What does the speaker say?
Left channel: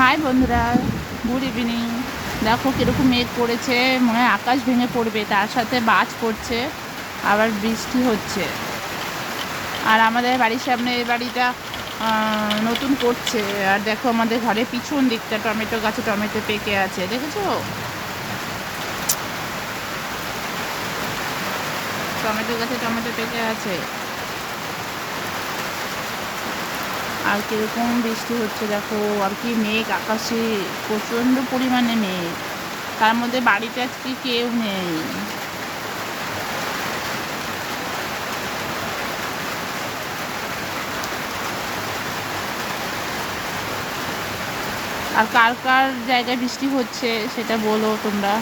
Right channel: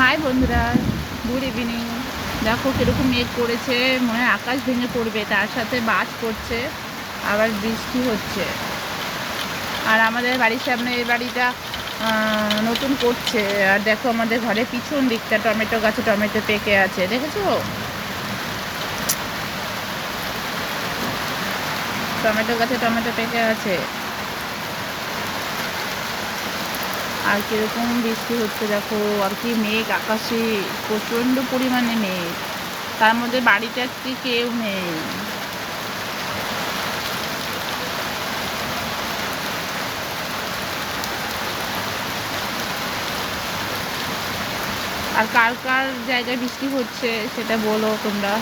High বন্ধুরা, good evening. দেখো কীরকম মেঘ করেছে, মনে হয় আকাশ ভেঙে পড়বে, তার সাথে বাজ পড়ছে, আবার বৃষ্টি হচ্ছে। আর আমাদের বাড়ির সামনে এই বাড়িটা নতুন করছে। আর দেখো আমাদের ঘরের পিছন দিকটা টমেটো গাছে টমেটো পেকে আছে, দেখেছো? টমেটো গাছে টমেটো পেকে আছে। আর কীরকম বৃষ্টি হচ্ছে দেখো, আর কি মেঘ আকাশে, প্রচণ্ড পরিমাণে মেঘ। তার মধ্যে বাড়িতে আজকে কেউ নেই। আর কার কার জায়গায় বৃষ্টি হচ্ছে সেটা বলো তোমরা।